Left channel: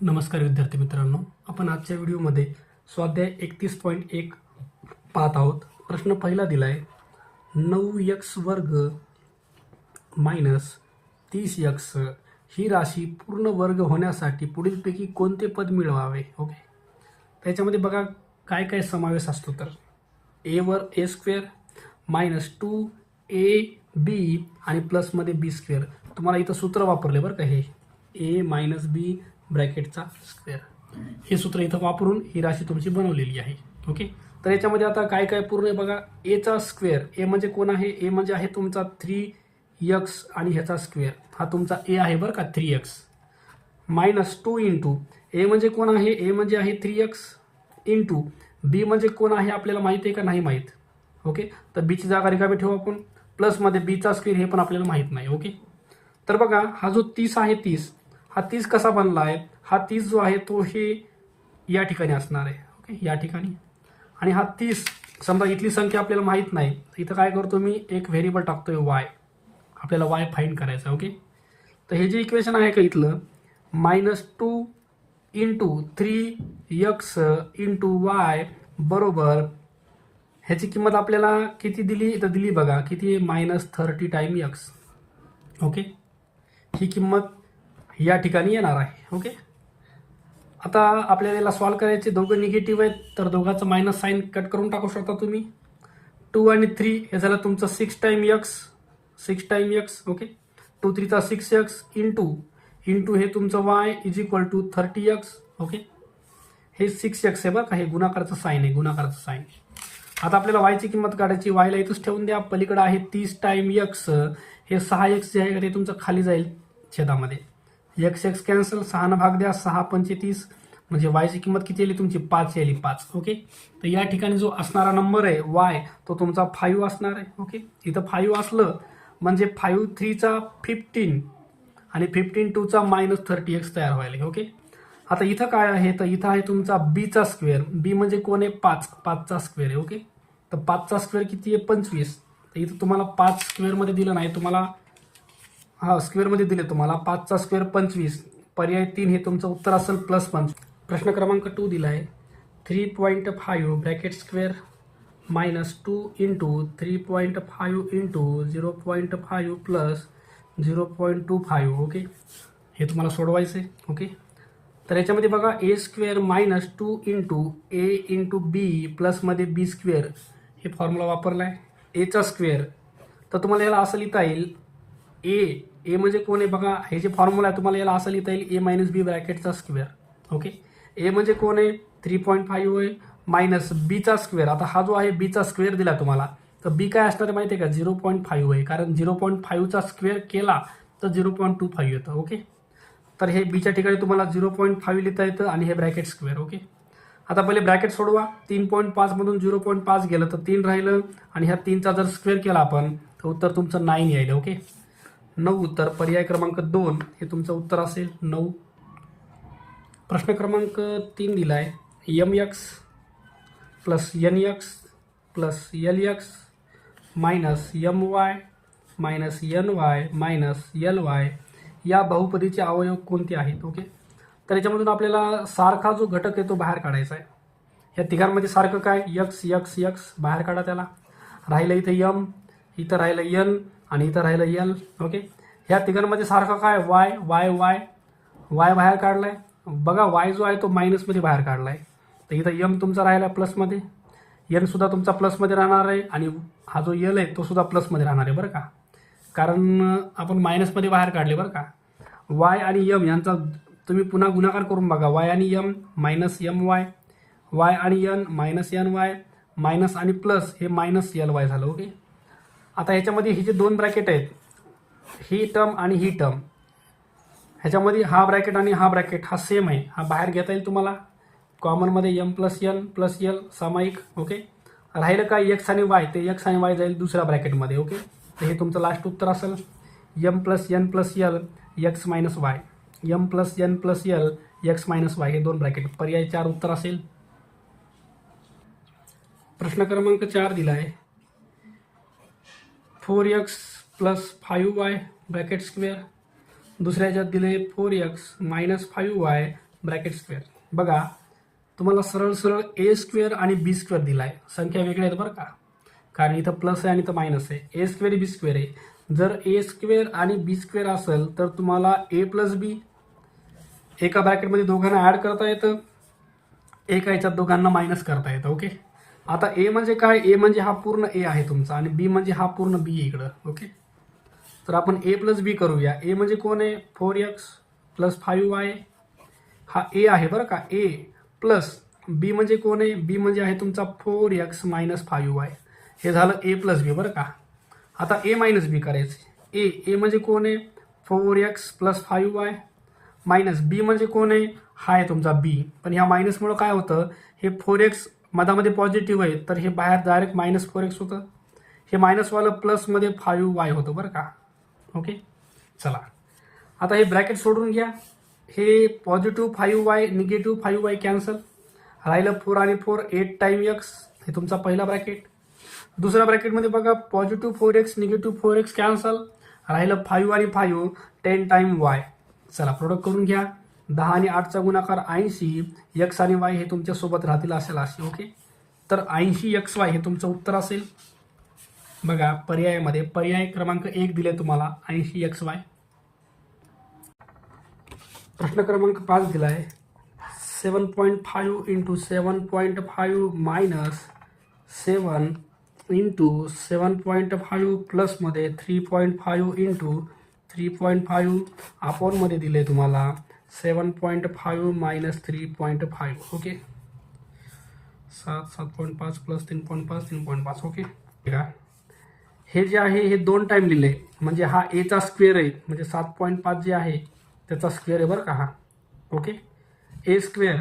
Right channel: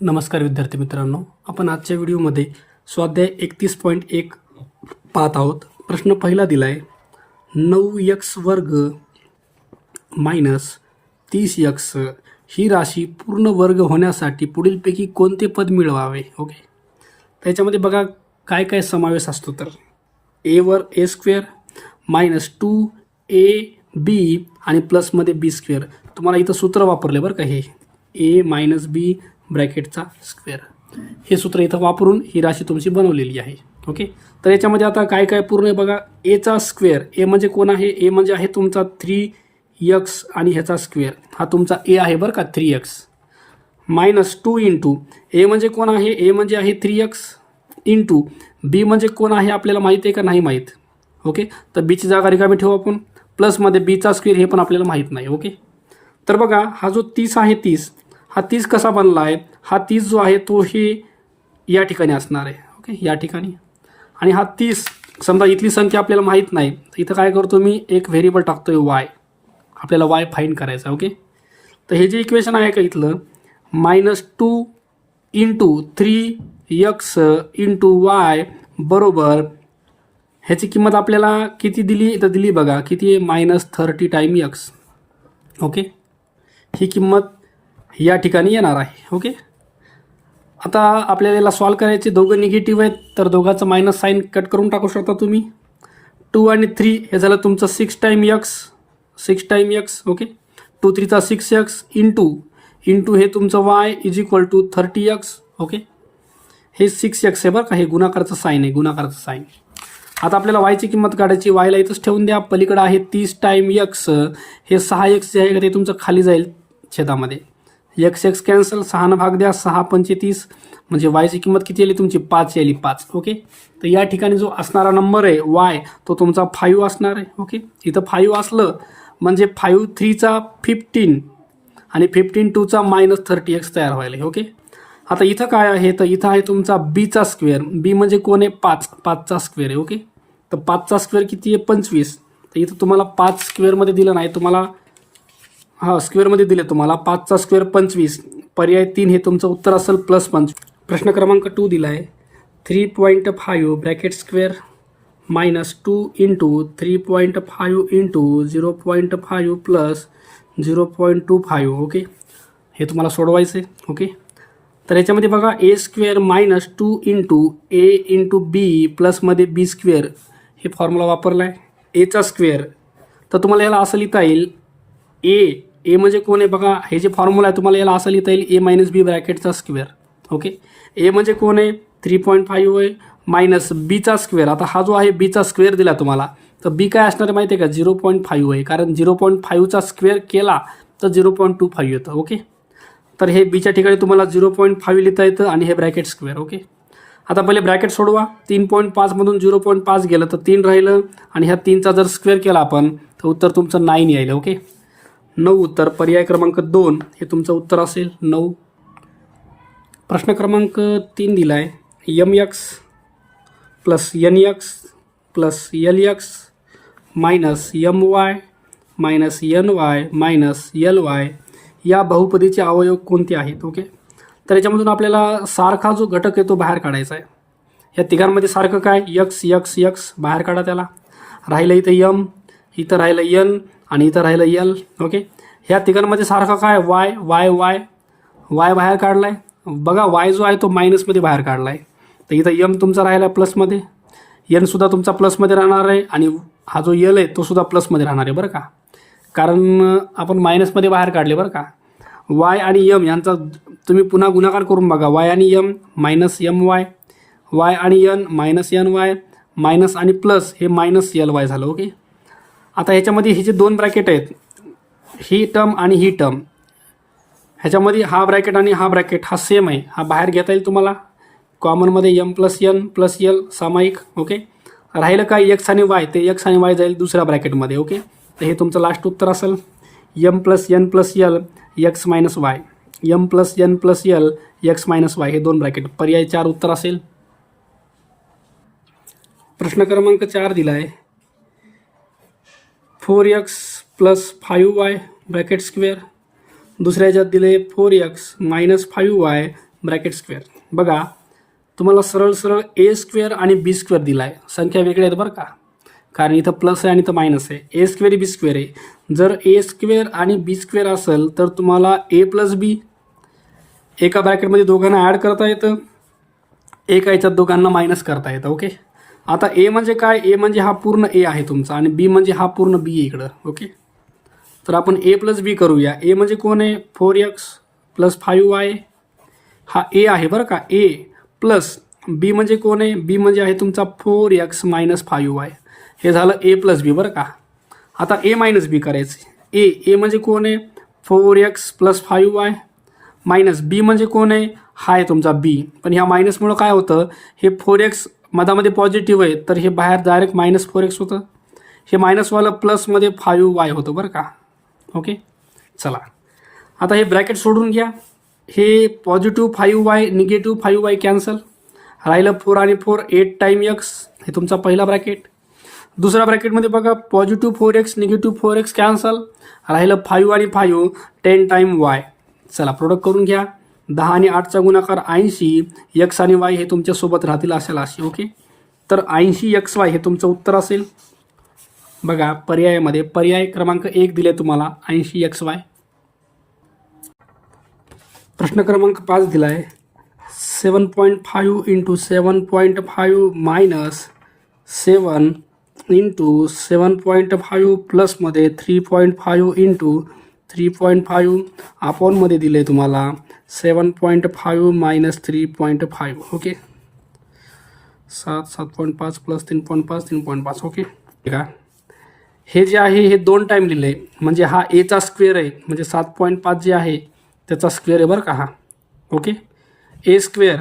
नमस्कार विद्यार्थी मित्रांनो, आपण आजच्या व्हिडिओमध्ये स्वाध्याय 31.1 पाहत आहोत. प्रश्न पहिला दिला आहे 9x² मायनस 30x ही राशी पूर्ण वर्ग होण्यासाठी पुढीलपैकी कोणते पद मिळवावे. ओके, त्याच्यामध्ये बघा काय काय समावेश असतो. तर ए वर a² मायनस 2ab आणि प्लसमध्ये b². तुम्हाला इथं सूत्र वापरले बरं का, हे a मायनस b ब्रॅकेटचा स्क्वेअर, हे सूत्र इथं वापरून ही राशी तुमची बनवलेली आहे. ओके, तर याच्यामध्ये आता काय काय पूर्ण आहे बघा. एचा स्क्वेअर, ए म्हणजे कोण आहे, ए म्हणजे आहे तुमचा 3x आणि ह्याचा स्क्वेअर हा तुमचा ए आहे बरं का, 3x मायनस 2 इंटू ए म्हणजे कोण आहे, ए म्हणजे आहे 3x इंटू बी म्हणजे कोण आहे आपल्याला माहीत आहे का नाही माहीत. ओके, तर बीची जागा रिकामी ठेवू आपण, प्लसमध्ये बीचा स्क्वेअर हे पण आपल्याला माहीत नाही. ओके, तर बघा हा जो 30 आहे, 30 हा 30 कसा बनला आहे, हा 30 जो आहे तो हे या ठिकाणी असणार आहे. ओके, या ठिकाणी. आणि हा 30 समजा इथली संख्या आपल्याला माहीत नाही, तर इथं काय करतो मी, एक व्हेरिएबल टाकतोय वाय, आपल्याला वाय फाईंड करायचा. ओके, तर हे जे इक्वेशन आहे का इथलं, minus 2 into 3x into Y बरोबर ह्याची किंमत आपल्याला किती दिली, इथं दिली बघा किती आहे, मायनस 30 टाइम x. ओके, ही किंमत या ठिकाणी येणार आहे. ओके, आता आपल्याला याला सॉल्व करायचे, दोघं निगेटिव्ह आहेत तर दोघांचं मायनस साईन कट करून टाकू शकता तुम्ही. 2 आणि 3 हे झालं तुमचं 6 time x. Okay, 2 3 6x into हे तुमचं y is equal to 30x. Okay, हे 6x आहे बरं का, हे गुणाकाराचं साईन आहे, गुणाकाराचं साईन. आता आपल्याला वायची किंमत काढायची, वायला इथंच ठेवून द्या, पलीकडे आहे 30 टाइम x, हे 6x जे आहे ते तुमचं खाली जाईल छेदामध्ये, x कॅन्सल, 6 भाग द्या, 6 पंचे 30 म्हणजे वायची किंमत किती आली तुमची, 5 आली, 5. ओके, तर या ठिकाणी जो असणारा नंबर आहे वाय तो तुमचा 5 असणार आहे. ओके, इथं 5 असलं म्हणजे 5 3 15 आणि 15 2 मायनस 30x तयार व्हायला. ओके, आता इथं काय आहे, तर इथं आहे तुमचा बीचा स्क्वेअर, बी म्हणजे कोण आहे, 5चा स्क्वेअर आहे. ओके, तर 5चा स्क्वेअर किती आहे, 25. तर इथं तुम्हाला 5 स्क्वेअरमध्ये दिलं नाही, तुम्हाला स्क्वेअरमध्ये दिले तुम्हाला, 5चा स्क्वेअर 25, पर्याय 3 हे तुमचं उत्तर असेल प्लस 5. प्रश्न क्रमांक 2 दिला आहे 3.5 bracket square minus 2 into 3.5 into 0.5 plus 0.25. Okay, हे तुम्हाला सोडवायचं आहे. ओके, तर याच्यामध्ये बघा a² मायनस 2 इंटू ए इंटू बी प्लसमध्ये b², हे फॉर्म्युला वापरला आहे. एचा स्क्वेअर, तर तुम्हाला याला असं लिहिता येईल, ए म्हणजे कोण आहे बघा, हे जे फॉर्म्युला आहे तुम्हाला याला असं लिहिता येईल, ए मायनस बी ब्रॅकेटचा स्क्वेअर. ओके, ए म्हणजे कोण आहे, 3.5 आहे, मायनस बीचा स्क्वेअर. आता हा जो आहे बीचा स्क्वेअर दिला तुम्हाला, तर बी काय असणार आहे माहिती आहे का, 0.5 आहे, कारण 0.5चा स्क्वेअर केला तर 0.25 येतं. ओके, तर हे बीच्या ठिकाणी तुम्हाला 0.5 लिहिता येतं आणि हे ब्रॅकेट स्क्वेअर. ओके, आता पहिले ब्रॅकेट सोडवा, 3.5 मधून 0.5 गेलं तर 3 राहिलं आणि ह्या 3चा जर स्क्वेअर केला आपण तर उत्तर तुमचं 9 येईल. ओके, 9 उत्तर, पर्याय क्रमांक 2 हे तुमचं उत्तर असेल 9. प्रश्न क्रमांक 3 दिला आहे mx plus nx plus lx minus my minus ny minus ly या बहुपदीचे अवयव कोणते आहेत. ओके, तर याच्यामधून आपल्याला सारखा जो घटक आहे तो बाहेर काढायचा आहे. या तिघांमध्ये सारखं काय, x बाहेर काढा, त्याला राहिलं इथं m, इथं राहिलं n आणि इथं राहिलं l. ओके, ह्या तिघांमध्ये सारखं काय, y बाहेर काढलाय बघा, y जो आहे तो मायनसमध्ये बाहेर काढलाय, तर इथं m तुमचा राहिला प्लसमध्ये, n सुद्धा तुमचा प्लसमध्ये राहणार आहे आणि हा जो l आहे तो सुद्धा प्लसमध्ये राहणार आहे बरं का, कारण आपण मायनसमध्ये बाहेर काढले बरं का. y आणि m यांचा तुम्ही पुन्हा गुणाकार करून बघा, y आणि m मायनस my, y आणि n मायनस ny, मायनस आणि प्लस हे मायनस ly झालं. ओके, आता ह्याच्यामध्ये हे जे दोन ब्रॅकेट आहेत, ही टर्म आणि ही टर्म, ह्याच्यामध्ये हा ब्रॅकेट आणि हा ब्रॅकेट हा सेम आहे, हा बाहेर घेता येईल तुम्हाला कॉमनमध्ये, m plus n plus l सामायिक. ओके, राहिलं काय x आणि y, ते x आणि y जाईल दुसऱ्या ब्रॅकेटमध्ये. ओके, तर हे तुमचं लास्ट उत्तर असेल m plus n plus l x minus y, m plus n plus l x minus y, हे दोन ब्रॅकेट, पर्याय 4 उत्तर असेल. प्रश्न क्रमांक 4 दिला आहे 4x plus 5y bracket square, दुसऱ्या ह्याच्यात दिले 4x minus 5y bracket square. बघा तुम्हाला सरळ सरळ ए स्क्वेअर आणि बी स्क्वेअर दिला आहे. संख्या वेगळ्या आहेत बरं का, कारण इथं प्लस आहे आणि इथं मायनस आहे. ए स्क्वेअर बी स्क्वेअर आहे. जर ए स्क्वेअर आणि बी स्क्वेअर असेल तर तुम्हाला ए प्लस बी एका ब्रॅकेटमध्ये दोघांना ॲड करता येतं, एका याच्यात दोघांना मायनस करता येतं. ओके. आता ए म्हणजे काय, ए म्हणजे हा पूर्ण ए आहे तुमचा आणि बी म्हणजे हा पूर्ण बी आहे इकडं. ओके. तर आपण ए प्लस बी करूया. ए म्हणजे कोण आहे, 4x प्लस 5y हा ए आहे बरं का. ए प्लस बी म्हणजे कोण आहे, बी म्हणजे आहे तुमचा 4x मायनस 5y. हे झालं ए प्लस बी बरं का. आता ए मायनस बी करायचं. ए म्हणजे कोण आहे, 4x प्लस 5y मायनस बी म्हणजे कोण आहे, हा आहे तुमचा बी. पण ह्या मायनसमुळं काय होतं, हे 4x मधामध्ये पॉझिटिव्ह आहे तर हे बाहेर डायरेक्ट मायनस 4x होतं. हे मायनसवालं प्लसमध्ये 5y होतं बरं का. ओके. चला आता हे ब्रॅकेट सोडून घ्या. हे positive 5y negative 5y cancel, राहिलं 4 आणि 4 8 टाईम x. हे तुमचा पहिला ब्रॅकेट. दुसऱ्या ब्रॅकेटमध्ये बघा positive 4x negative 4x cancel, राहिलं 5 आणि 5 10 टाईम y. चला प्रोडक्ट करून घ्या. 10 आणि 8चा गुणाकार 80, x आणि y हे तुमच्यासोबत राहतील असेल अशी. ओके. तर 80xy हे तुमचं उत्तर असेल. बघा पर्यायामध्ये पर्याय क्रमांक 1 दिले तुम्हाला 80xy. प्रश्न क्रमांक 5 दिला आहे 7.5 इंटू 7.5 मायनस 7 इंटू 7.5 प्लसमध्ये 3.5 इंटू 3.5 अपॉनमध्ये दिले तुम्हाला 7.5 मायनस 3.5. ओके. 7.5 प्लस 3.5 3.5. ओके. ठीक आहे. हे जे आहे हे 2 टाईम लिहिले म्हणजे हा एचा स्क्वेअर आहे, म्हणजे 7.5 जे आहे त्याचा स्क्वेअर आहे बरं का हा. ओके. ए स्क्वेअर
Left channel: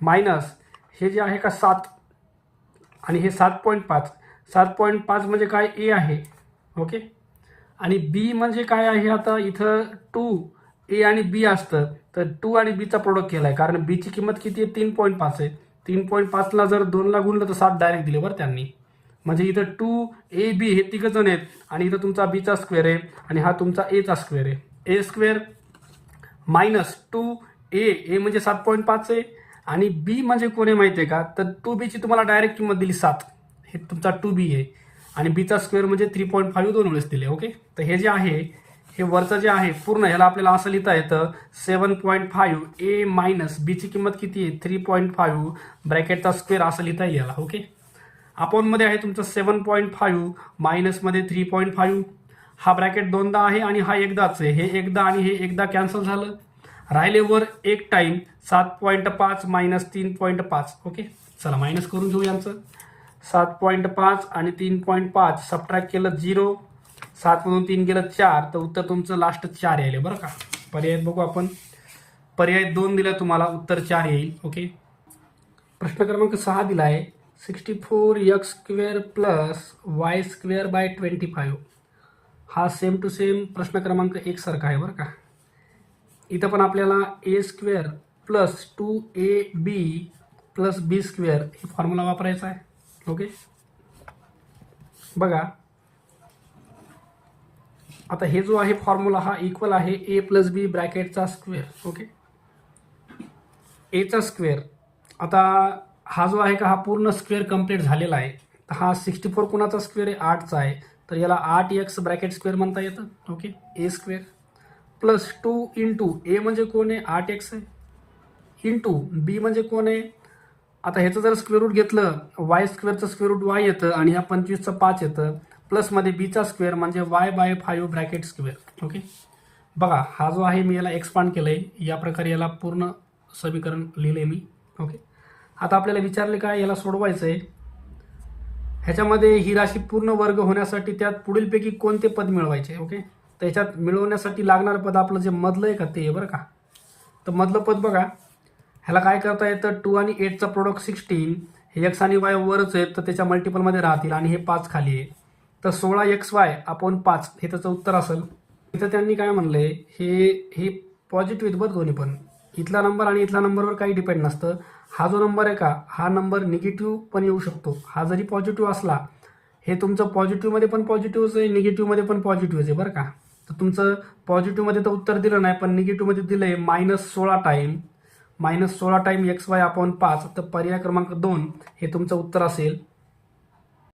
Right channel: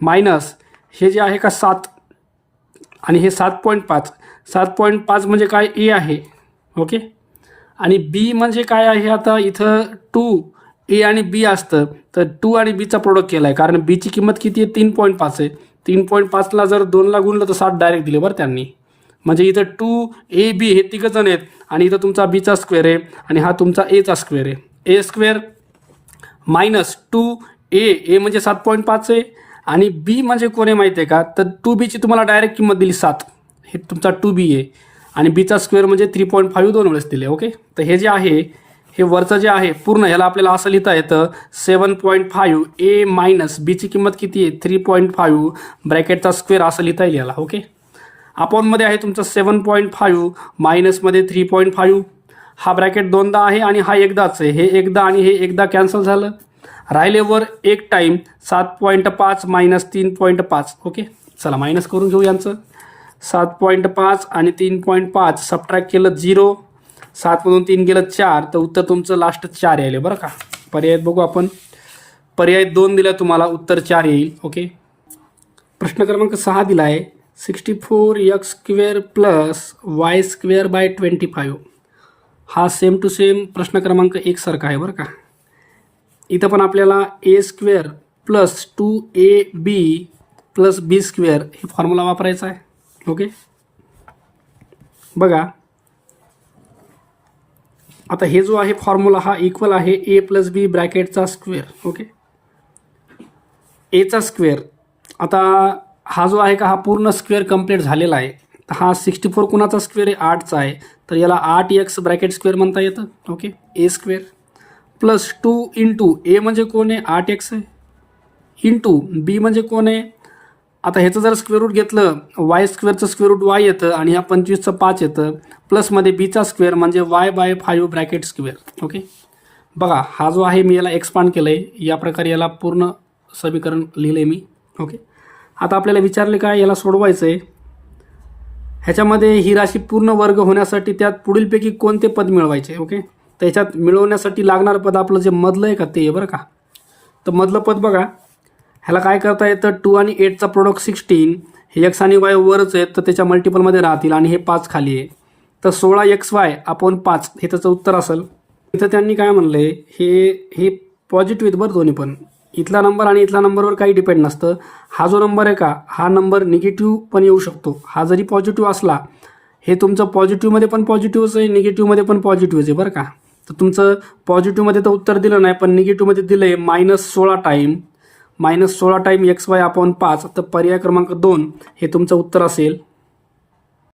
मायनस हे जे आहे का 7 आणि हे 7.5. 7.5 म्हणजे काय, ए आहे. ओके. आणि बी म्हणजे काय आहे, आता इथं 2 ए आणि बी असतं तर 2 आणि बीचा प्रोडक्ट केला आहे, कारण बीची किंमत किती आहे 3.5 आहे. 3.5ला जर 2ला गुणलं तर 7 डायरेक्ट दिले बरं त्यांनी. म्हणजे इथं 2 ए बी हे तिघंजण आहेत आणि इथं तुमचा बीचा स्क्वेअर आहे आणि हा तुमचा एचा स्क्वेअर आहे. ए स्क्वेअर मायनस 2 ए म्हणजे 7.5 आहे आणि बी म्हणजे कोण आहे माहिती आहे का, तर 2बीची तुम्हाला डायरेक्ट किंमत दिली 7. हे तुमचा 2b आहे आणि बीचा स्क्वेअर म्हणजे 3.5 2 वेळेस दिले. ओके. तर हे जे आहे हे वरचं जे आहे पूर्ण ह्याला आपल्याला असं लिहिता येतं 7.5 ए मायनस बीची किंमत किती आहे 3.5 ब्रॅकेटचा स्क्वेअर असं लिहिता येईल याला. ओके. अपॉनमध्ये आहे तुमचं 7.5 मायनसमध्ये 3.5. हा ब्रॅकेट दोनदा आहे आणि हा एकदाच आहे. हे एकदा आणि हे एकदा कॅन्सल झालं, राहिलेवर एक टाईम 7.5 मायनस 3.5. ओके. चला मायनस करून घेऊ यांचं. 7.5 आणि 3.5 सबट्रॅक्ट केलं 0, 7मधून 3 गेलं 4, तर उत्तर तुमचं लास्ट 4 यायले बरं का. पर्याय बघू आपण. पर्याय 2 दिला तुम्हाला, उत्तर 4 येईल. ओके. प्रश्न क्रमांक 6 दिला आहे 64x square plus y square by 25. हा सेम टू सेम प्रश्न क्रमांक 1 सारखा आहे बरं का. इथं पण आपल्याला ए स्क्वेअर प्लस 2ab प्लस बी स्क्वेअर हे फॉर्म्युला वापरायचा आहे. ओके. बघा आता हे जो आहे फॉर्म्युला हा इक्वल आहे ए प्लस बी ब्रॅकेटचा स्क्वेअर. ओके. एचा स्क्वेअर आता हा जो आहे का हा पूर्ण स्क्वेअर कंप्लीट झालेला आहे. तर हा 64 कुणाचा स्क्वेअर आहे 8चा आहे, तर याला 8x ब्रॅकेट स्क्वेअर म्हणता येतं. ओके. ए स्क्वेअर प्लस 2 इंटू ए म्हणजे कोण आहे 8x आहे, इंटू बी म्हणजे कोण आहे, आता ह्याचं जर स्क्वेअर रूट घेतलं वाय स्क्वेअरचं स्क्वेअर रूट वाय येतं आणि ह्या 25चं 5 येतं, प्लसमध्ये बीचा स्क्वेअर म्हणजे y by 5 bracket square. Okay. बघा हा जो आहे मी याला एक्सपांड केलं आहे, या प्रकारे याला पूर्ण समीकरण लिहिलं आहे मी. ओके. आता आपल्याला विचारले काय, याला सोडवायचं आहे. ह्याच्यामध्ये ही राशी पूर्ण वर्ग होण्यासाठी त्यात पुढीलपैकी कोणते पद मिळवायचे. ओके. तर ह्याच्यात मिळवण्यासाठी लागणारं पद आपलं जे मधलं आहे का ते आहे बरं का. तर मधलं पद बघा, ह्याला काय करता येतं 2 आणि 8चा प्रोडक्ट 16, हे x आणि y वरच आहेत तर त्याच्या मल्टिपलमध्ये राहतील आणि हे 5 खाली आहे, तर 16xy अपॉन 5 हे त्याचं उत्तर असेल. इथं त्यांनी काय म्हणलं आहे, हे पॉझिटिव्ह आहेत बरं दोन्ही पण. इथला नंबर आणि इथला नंबरवर काही डिपेंड नसतं. हा जो नंबर आहे का हा नंबर निगेटिव्ह पण येऊ शकतो. हा जरी पॉझिटिव्ह असला, हे तुमचं पॉझिटिव्हमध्ये पण पॉझिटिव्हच आहे, निगेटिव्हमध्ये पण पॉझिटिव्हच आहे बरं का. तर तुमचं पॉझिटिव्हमध्ये तर उत्तर दिलं नाही पण निगेटिव्हमध्ये दिलं आहे -16 time -16 time x Y upon 5, तर पर्याय क्रमांक 2 हे तुमचं उत्तर असेल.